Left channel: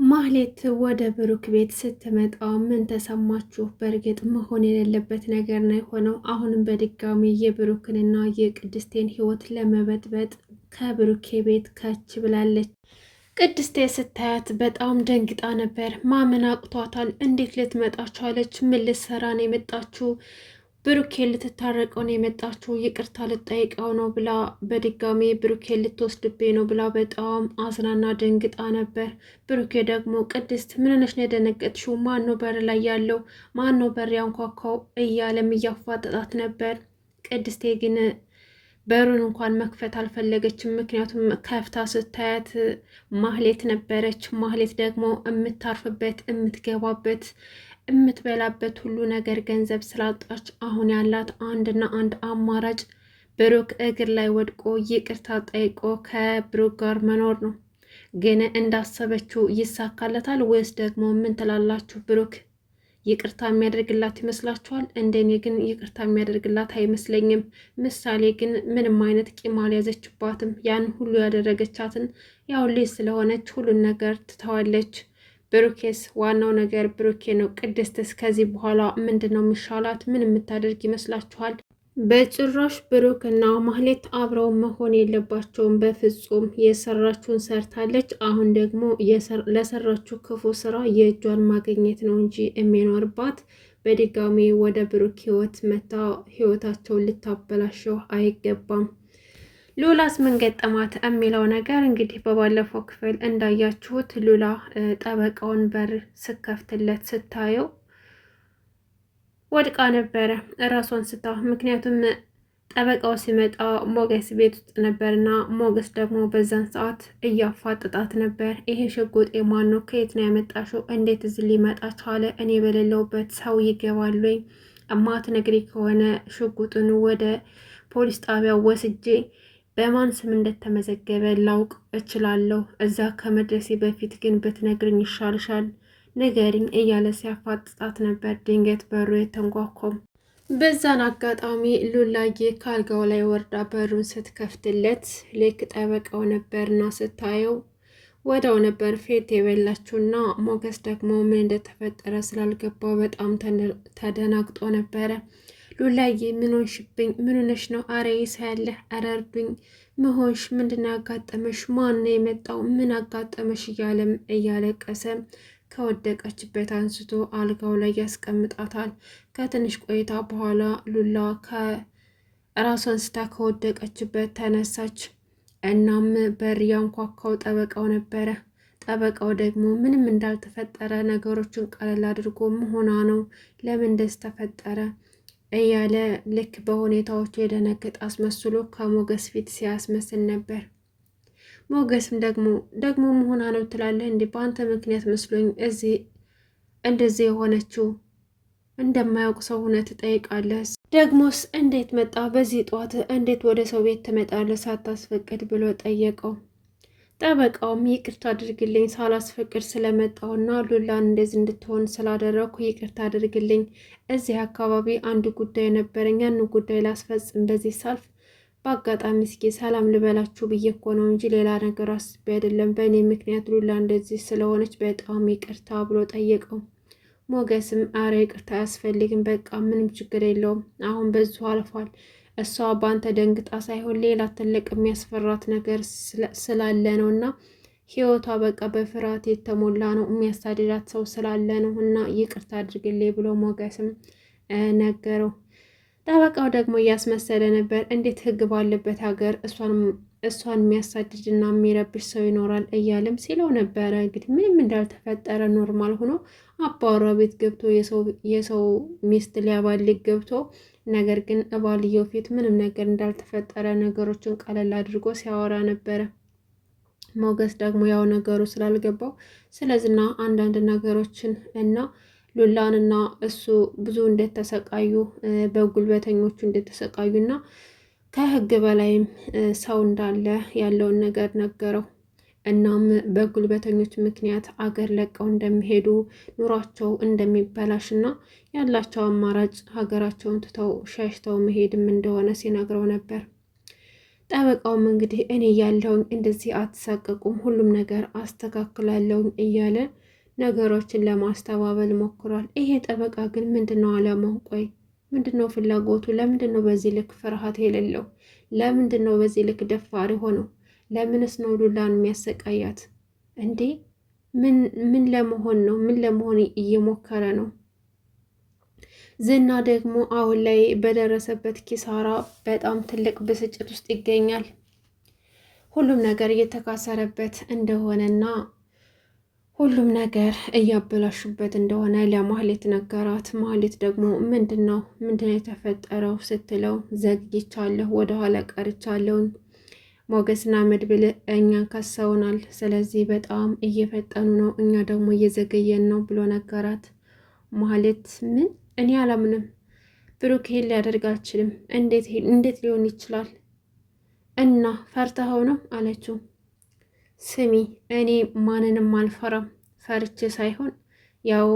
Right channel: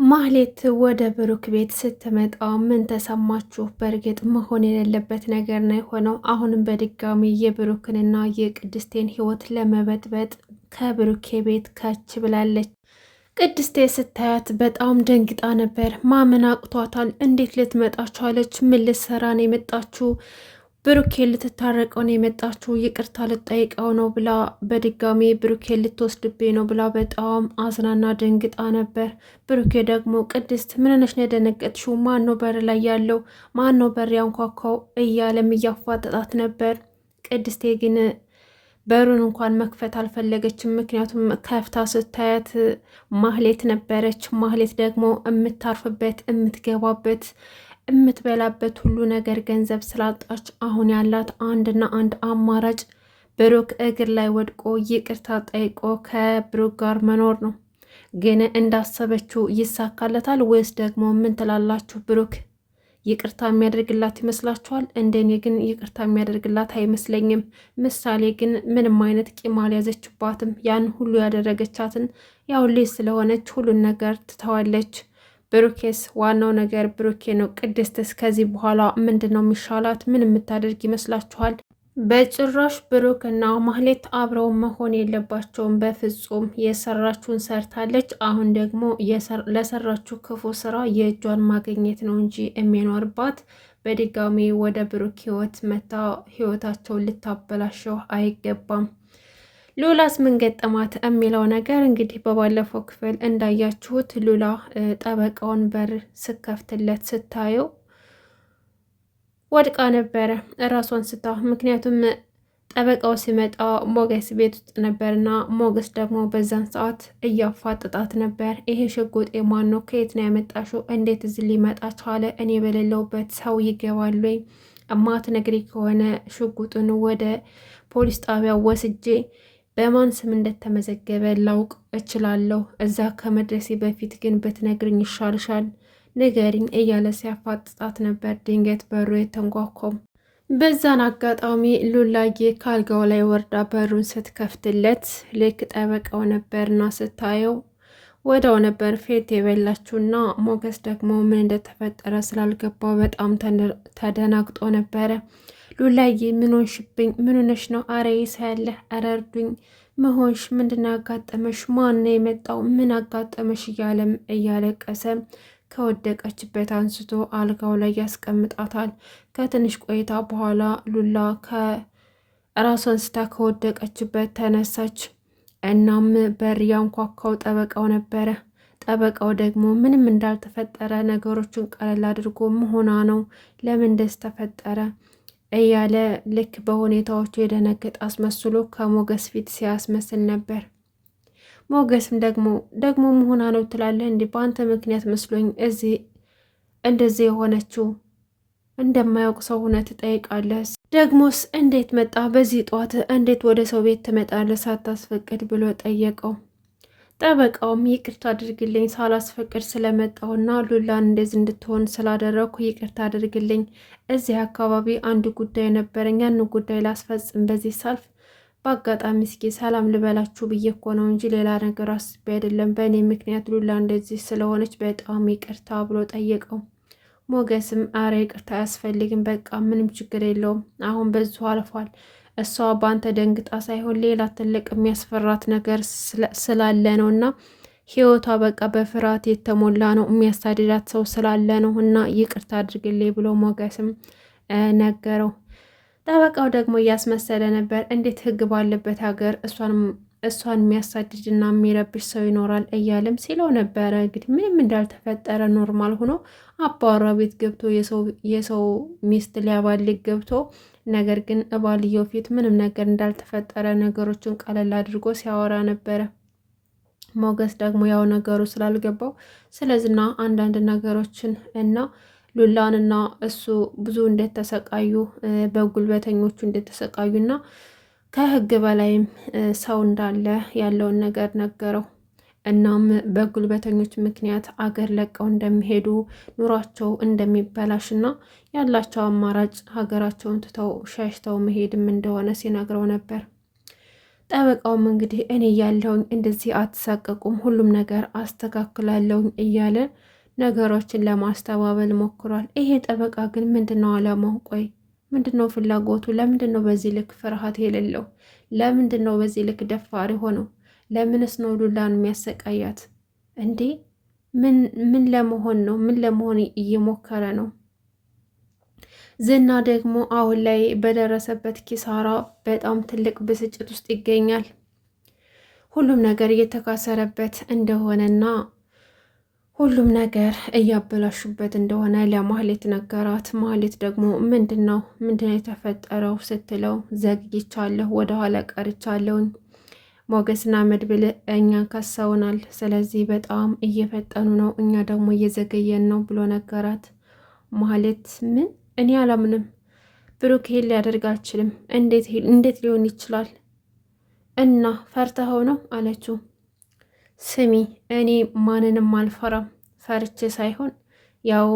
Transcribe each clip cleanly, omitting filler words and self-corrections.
ማህሌት ወደ ብሩክ ቤት ስትመጣ ምን ተሰማችሁ? በእርግጥ መሆን የሌለበት ነገር ነው የሆነው። አሁንም በድጋሚ የብሩክንና የቅድስቴን ህይወት ለመበጥበጥ ከብሩኬ ቤት ከች ብላለች። ቅድስቴ ስታያት በጣም ደንግጣ ነበር። ማመን አቅቷታል። እንዴት ልትመጣ ቻለች? ምን ልትሰራ ነው የመጣችው? ብሩኬ ልትታረቀው ነው የመጣችው፣ ይቅርታ ልጠይቀው ነው ብላ በድጋሚ ብሩኬ ልትወስድብኝ ነው ብላ በጣም አዝናና ደንግጣ ነበር። ብሩኬ ደግሞ ቅድስት ምን ሆነሽ ነው የደነገጥሽው? ማን ነው በር ላይ ያለው? ማን ነው በር ያንኳኳው? እያለም እያፋጠጣት ነበር። ቅድስቴ ግን በሩን እንኳን መክፈት አልፈለገችም። ምክንያቱም ከፍታ ስታያት ማህሌት ነበረች። ማህሌት ደግሞ የምታርፍበት የምትገባበት የምትበላበት ሁሉ ነገር ገንዘብ ስላጣች አሁን ያላት አንድና አንድ አማራጭ ብሩክ እግር ላይ ወድቆ ይቅርታ ጠይቆ ከብሩክ ጋር መኖር ነው። ግን እንዳሰበችው ይሳካለታል ወይስ ደግሞ ምን ትላላችሁ? ብሩክ ይቅርታ የሚያደርግላት ይመስላችኋል? እንደኔ ግን ይቅርታ የሚያደርግላት አይመስለኝም። ምሳሌ ግን ምንም አይነት ቂም አልያዘችባትም። ያን ሁሉ ያደረገቻትን ያው ልጅ ስለሆነች ሁሉን ነገር ትተዋለች። ብሩኬስ ዋናው ነገር ብሩኬ ነው። ቅድስትስ ከዚህ በኋላ ምንድን ነው የሚሻላት? ምን የምታደርግ ይመስላችኋል? በጭራሽ ብሩክ እና ማህሌት አብረው መሆን የለባቸውም በፍጹም። የሰራችውን ሰርታለች። አሁን ደግሞ ለሰራችው ክፉ ስራ የእጇን ማግኘት ነው እንጂ የሚኖርባት በድጋሚ ወደ ብሩክ ህይወት መታ ህይወታቸውን ልታበላሸው አይገባም። ሉላስ ምን ገጠማት የሚለው ነገር እንግዲህ በባለፈው ክፍል እንዳያችሁት ሉላ ጠበቃውን በር ስከፍትለት ስታየው ወድቃ ነበረ ራሷን ስታ። ምክንያቱም ጠበቃው ሲመጣ ሞገስ ቤት ውስጥ ነበርና ሞገስ ደግሞ በዛን ሰዓት እያፋጥጣት ነበር። ይሄ ሽጉጥ የማን ነው? ከየት ነው ያመጣሽው? እንዴት እዚህ ሊመጣ ቻለ? እኔ በሌለውበት ሰው ይገባል ወይ? እማትነግሪ ከሆነ ሽጉጡን ወደ ፖሊስ ጣቢያ ወስጄ በማን ስም እንደተመዘገበ ላውቅ እችላለሁ። እዛ ከመድረሴ በፊት ግን ብትነግርኝ ይሻልሻል፣ ንገሪኝ እያለ ሲያፋጥጣት ነበር። ድንገት በሩ የተንኳኳው። በዛን አጋጣሚ ሉላዬ ካልጋው ላይ ወርዳ በሩን ስትከፍትለት ልክ ጠበቃው ነበርና ስታየው ወዳው ነበር ፌት የበላችውና ሞገስ ደግሞ ምን እንደተፈጠረ ስላልገባው በጣም ተደናግጦ ነበረ። ሉላዬ ምን ሆንሽብኝ? ምን ሆነሽ ነው? አረ ይሳያለህ፣ አረ እርዱኝ፣ መሆንሽ ምንድን ያጋጠመሽ? ማን ነው የመጣው? ምን አጋጠመሽ? እያለም እያለቀሰ ከወደቀችበት አንስቶ አልጋው ላይ ያስቀምጣታል። ከትንሽ ቆይታ በኋላ ሉላ ከራሷን ስታ ከወደቀችበት ተነሳች። እናም በር ያንኳኳው ጠበቃው ነበረ። ጠበቃው ደግሞ ምንም እንዳልተፈጠረ ነገሮችን ቀለል አድርጎ መሆኗ ነው፣ ለምን እንደዚህ ተፈጠረ እያለ ልክ በሁኔታዎቹ የደነገጠ አስመስሎ ከሞገስ ፊት ሲያስመስል ነበር። ሞገስም ደግሞ መሆኗ ነው ትላለህ እንዴ? በአንተ ምክንያት መስሎኝ እዚህ እንደዚህ የሆነችው እንደማያውቅ ሰው ሆነ ትጠይቃለህ? ደግሞስ እንዴት መጣ? በዚህ ጠዋት እንዴት ወደ ሰው ቤት ትመጣለህ ሳታስፈቅድ ብሎ ጠየቀው። ጠበቃውም ይቅርታ አድርግልኝ ሳላስፈቅድ ስለመጣውና ሉላን እንደዚህ እንድትሆን ስላደረኩ ይቅርታ አድርግልኝ። እዚህ አካባቢ አንድ ጉዳይ ነበረኝ፣ ያን ጉዳይ ላስፈጽም በዚህ ሳልፍ በአጋጣሚ እስኪ ሰላም ልበላችሁ ብዬ እኮ ነው እንጂ ሌላ ነገር አስቤ አይደለም። በእኔ ምክንያት ሉላ እንደዚህ ስለሆነች በጣም ይቅርታ ብሎ ጠየቀው። ሞገስም አረ ይቅርታ አያስፈልግም፣ በቃ ምንም ችግር የለውም፣ አሁን በዚሁ አልፏል። እሷ በአንተ ደንግጣ ሳይሆን ሌላ ትልቅ የሚያስፈራት ነገር ስላለ ነው እና ህይወቷ በቃ በፍርሃት የተሞላ ነው፣ የሚያሳድዳት ሰው ስላለ ነው እና ይቅርታ አድርግልኝ ብሎ ሞገስም ነገረው። ጠበቃው ደግሞ እያስመሰለ ነበር። እንዴት ህግ ባለበት ሀገር እሷን የሚያሳድድና የሚረብሽ ሰው ይኖራል እያለም ሲለው ነበረ። እንግዲህ ምንም እንዳልተፈጠረ ኖርማል ሆኖ አባወራ ቤት ገብቶ የሰው ሚስት ሊያባልግ ገብቶ ነገር ግን እባልየው ፊት ምንም ነገር እንዳልተፈጠረ ነገሮችን ቀለል አድርጎ ሲያወራ ነበረ። ሞገስ ደግሞ ያው ነገሩ ስላልገባው ስለዚህና አንዳንድ ነገሮችን እና ሉላንና እሱ ብዙ እንደተሰቃዩ በጉልበተኞቹ እንደተሰቃዩና ከህግ በላይም ሰው እንዳለ ያለውን ነገር ነገረው። እናም በጉልበተኞች ምክንያት አገር ለቀው እንደሚሄዱ ኑሯቸው እንደሚበላሽና ያላቸው አማራጭ ሀገራቸውን ትተው ሸሽተው መሄድም እንደሆነ ሲነግረው ነበር። ጠበቃውም እንግዲህ እኔ ያለውኝ እንደዚህ አትሳቀቁም፣ ሁሉም ነገር አስተካክላለሁኝ እያለ ነገሮችን ለማስተባበል ሞክሯል። ይሄ ጠበቃ ግን ምንድነው አላማው? ቆይ ምንድነው ፍላጎቱ? ለምንድነው በዚህ ልክ ፍርሃት የሌለው? ለምንድነው በዚህ ልክ ደፋሪ ሆነው? ለምንስ ነው ሉላን የሚያሰቃያት እንዴ? ምን ለመሆን ነው? ምን ለመሆን እየሞከረ ነው? ዝና ደግሞ አሁን ላይ በደረሰበት ኪሳራ በጣም ትልቅ ብስጭት ውስጥ ይገኛል። ሁሉም ነገር እየተካሰረበት እንደሆነና ሁሉም ነገር እያበላሹበት እንደሆነ ለማህሌት ነገራት። ማህሌት ደግሞ ምንድነው የተፈጠረው ስትለው ዘግይቻለሁ፣ ወደኋላ ቀርቻለሁኝ፣ ሞገስና መድብል እኛን ከሰውናል፣ ስለዚህ በጣም እየፈጠኑ ነው፣ እኛ ደግሞ እየዘገየን ነው ብሎ ነገራት። ማህሌት ምን? እኔ አላምንም፣ ብሩክ ይሄን ሊያደርግ አልችልም፣ እንዴት ሊሆን ይችላል? እና ፈርተኸው ነው አለችው። ስሚ እኔ ማንንም አልፈራም፣ ፈርቼ ሳይሆን ያው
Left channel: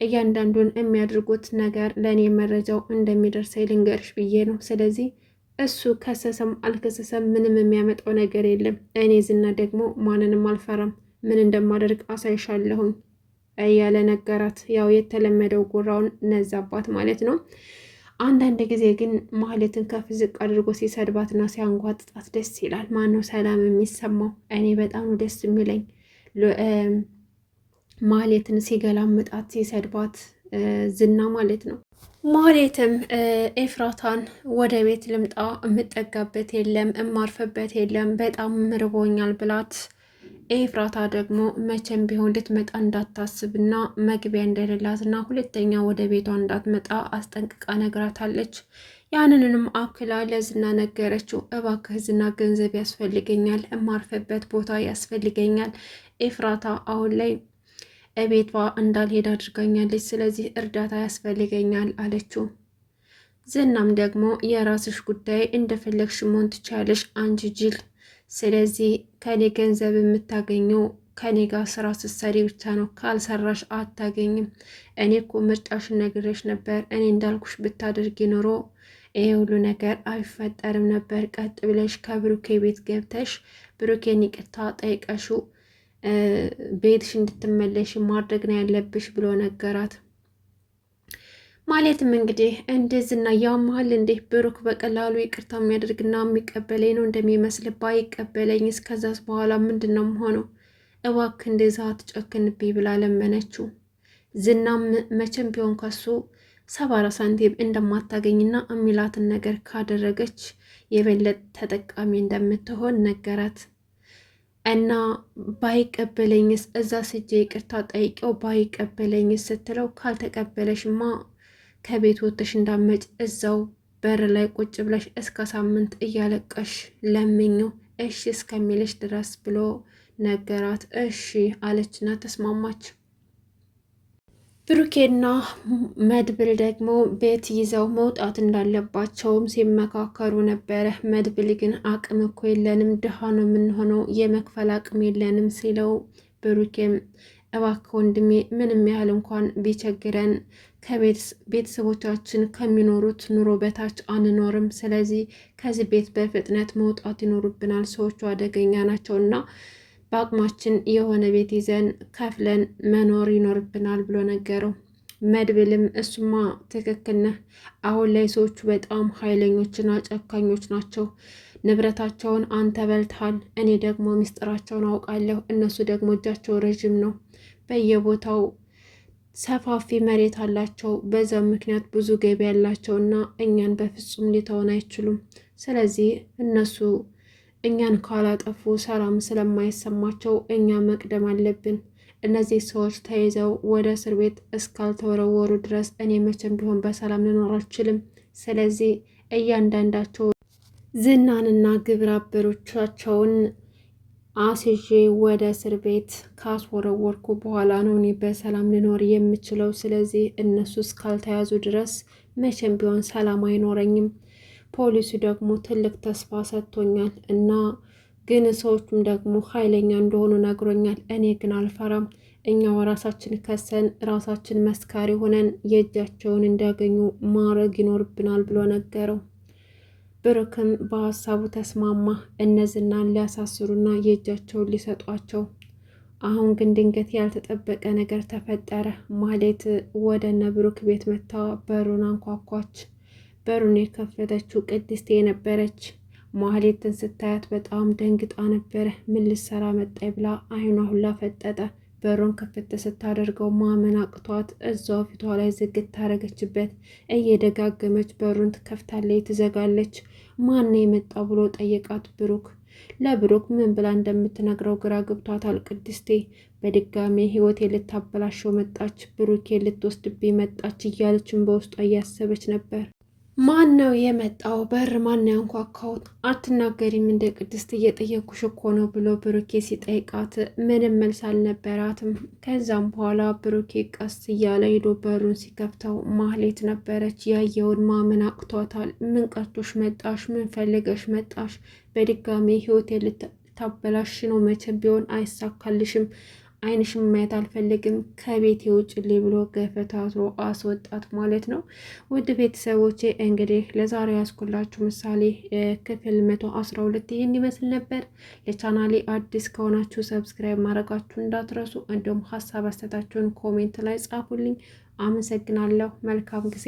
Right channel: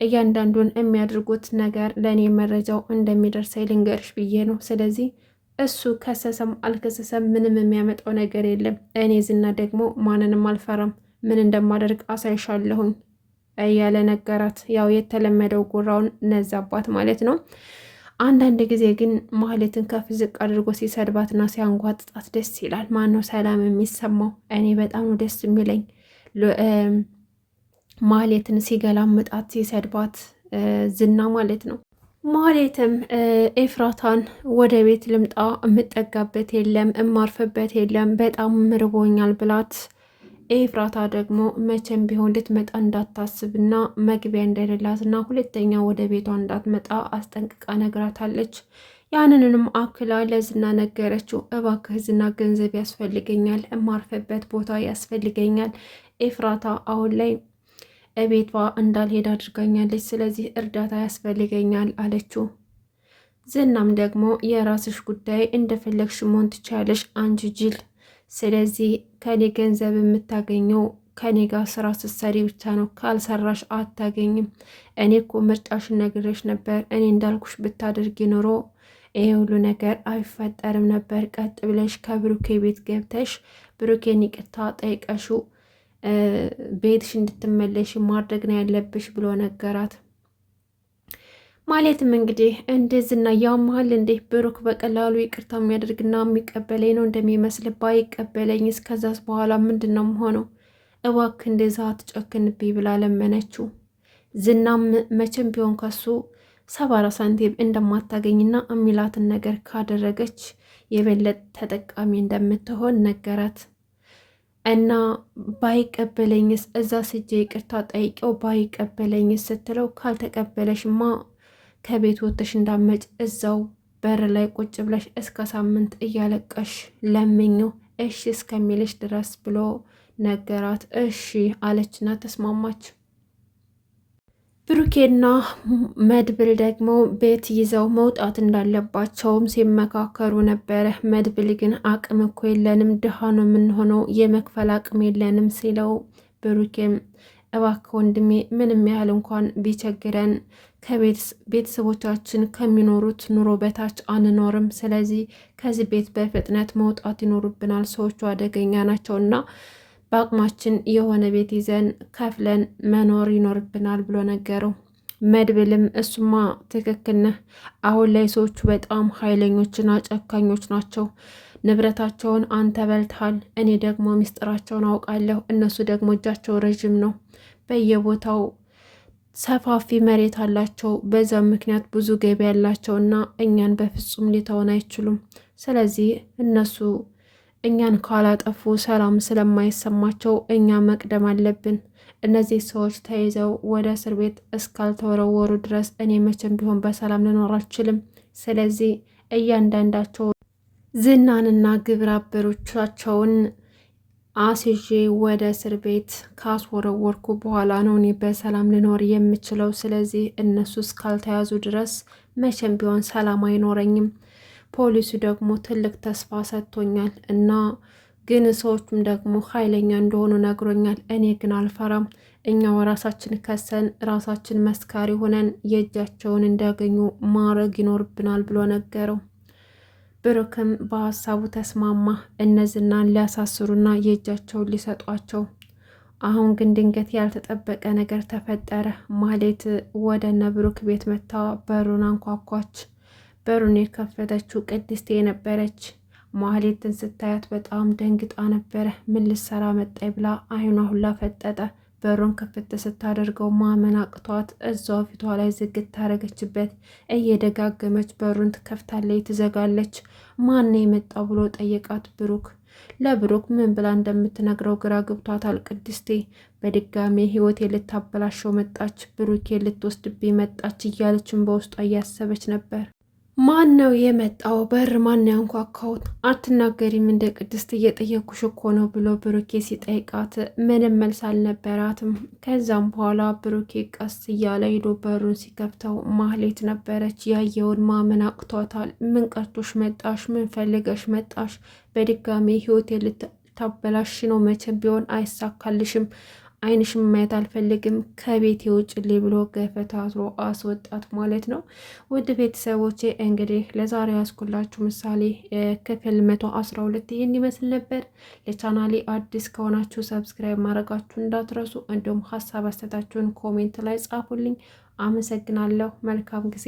እያንዳንዱን የሚያደርጉት ነገር ለእኔ መረጃው እንደሚደርሰኝ ልንገርሽ ብዬ ነው። ስለዚህ እሱ ከሰሰም አልከሰሰም ምንም የሚያመጣው ነገር የለም። እኔ ዝና ደግሞ ማንንም አልፈራም፣ ምን እንደማደርግ አሳይሻለሁኝ እያለ ነገራት። ያው የተለመደው ጉራውን ነዛባት ማለት ነው። አንዳንድ ጊዜ ግን ማህሌትን ከፍ ዝቅ አድርጎ ሲሰድባትና ሲያንጓጥጣት ደስ ይላል። ማነው ሰላም የሚሰማው? እኔ በጣም ነው ደስ የሚለኝ ማህሌትን ሲገላምጣት ሲሰድባት ዝና ማለት ነው። ማህሌትም ኤፍራታን ወደ ቤት ልምጣ፣ የምጠጋበት የለም እማርፍበት የለም በጣም ምርቦኛል ብላት ኤፍራታ ደግሞ መቼም ቢሆን ልትመጣ እንዳታስብና መግቢያ እንደሌላትና ሁለተኛ ወደ ቤቷ እንዳትመጣ አስጠንቅቃ ነግራታለች። ያንንም አክላ ለዝና ነገረችው። እባክህ ዝና ገንዘብ ያስፈልገኛል፣ እማርፍበት ቦታ ያስፈልገኛል፣ ኤፍራታ አሁን ላይ እቤቷ እንዳልሄድ አድርጋኛለች፣ ስለዚህ እርዳታ ያስፈልገኛል አለችው። ዝናም ደግሞ የራስሽ ጉዳይ እንደፈለግሽ መሆን ትችያለሽ አንቺ ጅል፣ ስለዚህ ከኔ ገንዘብ የምታገኘው ከኔ ጋር ስራ ስትሰሪ ብቻ ነው፣ ካልሰራሽ አታገኝም። እኔ እኮ ምርጫሽን ነግሬሽ ነበር፣ እኔ እንዳልኩሽ ብታደርጊ ኖሮ ይሄ ሁሉ ነገር አይፈጠርም ነበር። ቀጥ ብለሽ ከብሩኬ ቤት ገብተሽ ብሩኬን ይቅርታ ጠይቀሽው ቤትሽ እንድትመለሽ ማድረግ ነው ያለብሽ ብሎ ነገራት። ማለትም እንግዲህ እንደዝና ያመሃል እንዴ? ብሩክ በቀላሉ ይቅርታ የሚያደርግና የሚቀበለኝ ነው እንደሚመስል፣ ባይቀበለኝ እስከዛስ በኋላ ምንድን ነው የምሆነው? እባክህ እንደዛ አትጨክንብኝ ብላ ለመነችው። ዝናም መቼም ቢሆን ከሱ 70 ሳንቲም እንደማታገኝና የሚላትን ነገር ካደረገች የበለጠ ተጠቃሚ እንደምትሆን ነገራት። እና ባይቀበለኝስ እዛ ስጄ ይቅርታ ጠይቄው ባይቀበለኝስ ስትለው፣ ካልተቀበለሽማ ከቤት ወጥተሽ እንዳመጭ እዛው በር ላይ ቁጭ ብለሽ እስከ ሳምንት እያለቀሽ ለምኘው እሺ እስከሚልሽ ድረስ ብሎ ነገራት። እሺ አለችና ተስማማች። ብሩኬና መድብል ደግሞ ቤት ይዘው መውጣት እንዳለባቸውም ሲመካከሩ ነበረ። መድብል ግን አቅም እኮ የለንም፣ ድሃ ነው የምንሆነው፣ የመክፈል አቅም የለንም ሲለው፣ ብሩኬም እባክህ ወንድሜ ምንም ያህል እንኳን ቢቸግረን ከቤተሰቦቻችን ከሚኖሩት ኑሮ በታች አንኖርም፣ ስለዚህ ከዚህ ቤት በፍጥነት መውጣት ይኖርብናል፣ ሰዎቹ አደገኛ ናቸውና በአቅማችን የሆነ ቤት ይዘን ከፍለን መኖር ይኖርብናል ብሎ ነገረው። መድብልም እሱማ ትክክል ነህ፣ አሁን ላይ ሰዎቹ በጣም ኃይለኞችና ጨካኞች ናቸው፣ ንብረታቸውን አንተ በልተሃል፣ እኔ ደግሞ ሚስጥራቸውን አውቃለሁ፣ እነሱ ደግሞ እጃቸው ረዥም ነው፣ በየቦታው ሰፋፊ መሬት አላቸው፣ በዛ ምክንያት ብዙ ገቢ ያላቸው እና እኛን በፍጹም ሊተውን አይችሉም፣ ስለዚህ እነሱ እኛን ካላጠፉ ሰላም ስለማይሰማቸው እኛ መቅደም አለብን። እነዚህ ሰዎች ተይዘው ወደ እስር ቤት እስካልተወረወሩ ድረስ እኔ መቼም ቢሆን በሰላም ልኖር አልችልም። ስለዚህ እያንዳንዳቸው ዝናንና ግብረ አበሮቻቸውን አስይዤ ወደ እስር ቤት ካስወረወርኩ በኋላ ነው እኔ በሰላም ልኖር የምችለው። ስለዚህ እነሱ እስካልተያዙ ድረስ መቼም ቢሆን ሰላም አይኖረኝም። ፖሊሱ ደግሞ ትልቅ ተስፋ ሰጥቶኛል እና ግን ሰዎቹም ደግሞ ኃይለኛ እንደሆኑ ነግሮኛል። እኔ ግን አልፈራም። እኛው ራሳችን ከሰን ራሳችን መስካሪ ሆነን የእጃቸውን እንዲያገኙ ማድረግ ይኖርብናል ብሎ ነገረው። ብሩክም በሀሳቡ ተስማማ። እነዝናን ሊያሳስሩና የእጃቸውን ሊሰጧቸው። አሁን ግን ድንገት ያልተጠበቀ ነገር ተፈጠረ። ማህሌት ወደ እነ ብሩክ ቤት መታ በሩን አንኳኳች። በሩን የከፈተችው ቅድስቴ ነበረች። ማህሌትን ስታያት በጣም ደንግጣ ነበረ። ምን ልትሰራ መጣይ ብላ አይኗ ሁላ ፈጠጠ። በሩን ክፍት ስታደርገው ማመን አቅቷት እዛው ፊቷ ላይ ዝግት ታደረገችበት። እየደጋገመች በሩን ትከፍታለች፣ ትዘጋለች። ማን የመጣው ብሎ ጠየቃት ብሩክ። ለብሩክ ምን ብላ እንደምትነግረው ግራ ገብቷታል። ቅድስቴ በድጋሜ ህይወቴ ልታበላሸው መጣች፣ ብሩኬ ልትወስድብኝ መጣች እያለችን በውስጧ እያሰበች ነበር። ማን ነው የመጣው? በር ማን ያንኳኳው? አትናገሪም እንደ ቅድስት እየጠየኩሽ እኮ ነው ብሎ ብሩኬ ሲጠይቃት ምንም መልስ አልነበራትም። ከዛም በኋላ ብሩኬ ቀስ እያለ ሄዶ በሩን ሲከፍተው ማህሌት ነበረች። ያየውን ማመን አቅቷታል። ምን ቀርቶሽ መጣሽ? ምን ፈልገሽ መጣሽ? በድጋሚ ህይወቴ ልታበላሽ ነው። መቼም ቢሆን አይሳካልሽም። አይንሽም ማየት አልፈልግም፣ ከቤት ውጭልኝ ብሎ ገፈታትሮ አስወጣት ማለት ነው። ውድ ቤተሰቦቼ እንግዲህ ለዛሬ ያስኩላችሁ ምሳሌ ክፍል 112 ይህን ይመስል ነበር። ለቻናሌ አዲስ ከሆናችሁ ሰብስክራይብ ማድረጋችሁ እንዳትረሱ፣ እንዲሁም ሀሳብ አስተያየታችሁን ኮሜንት ላይ ጻፉልኝ። አመሰግናለሁ። መልካም ጊዜ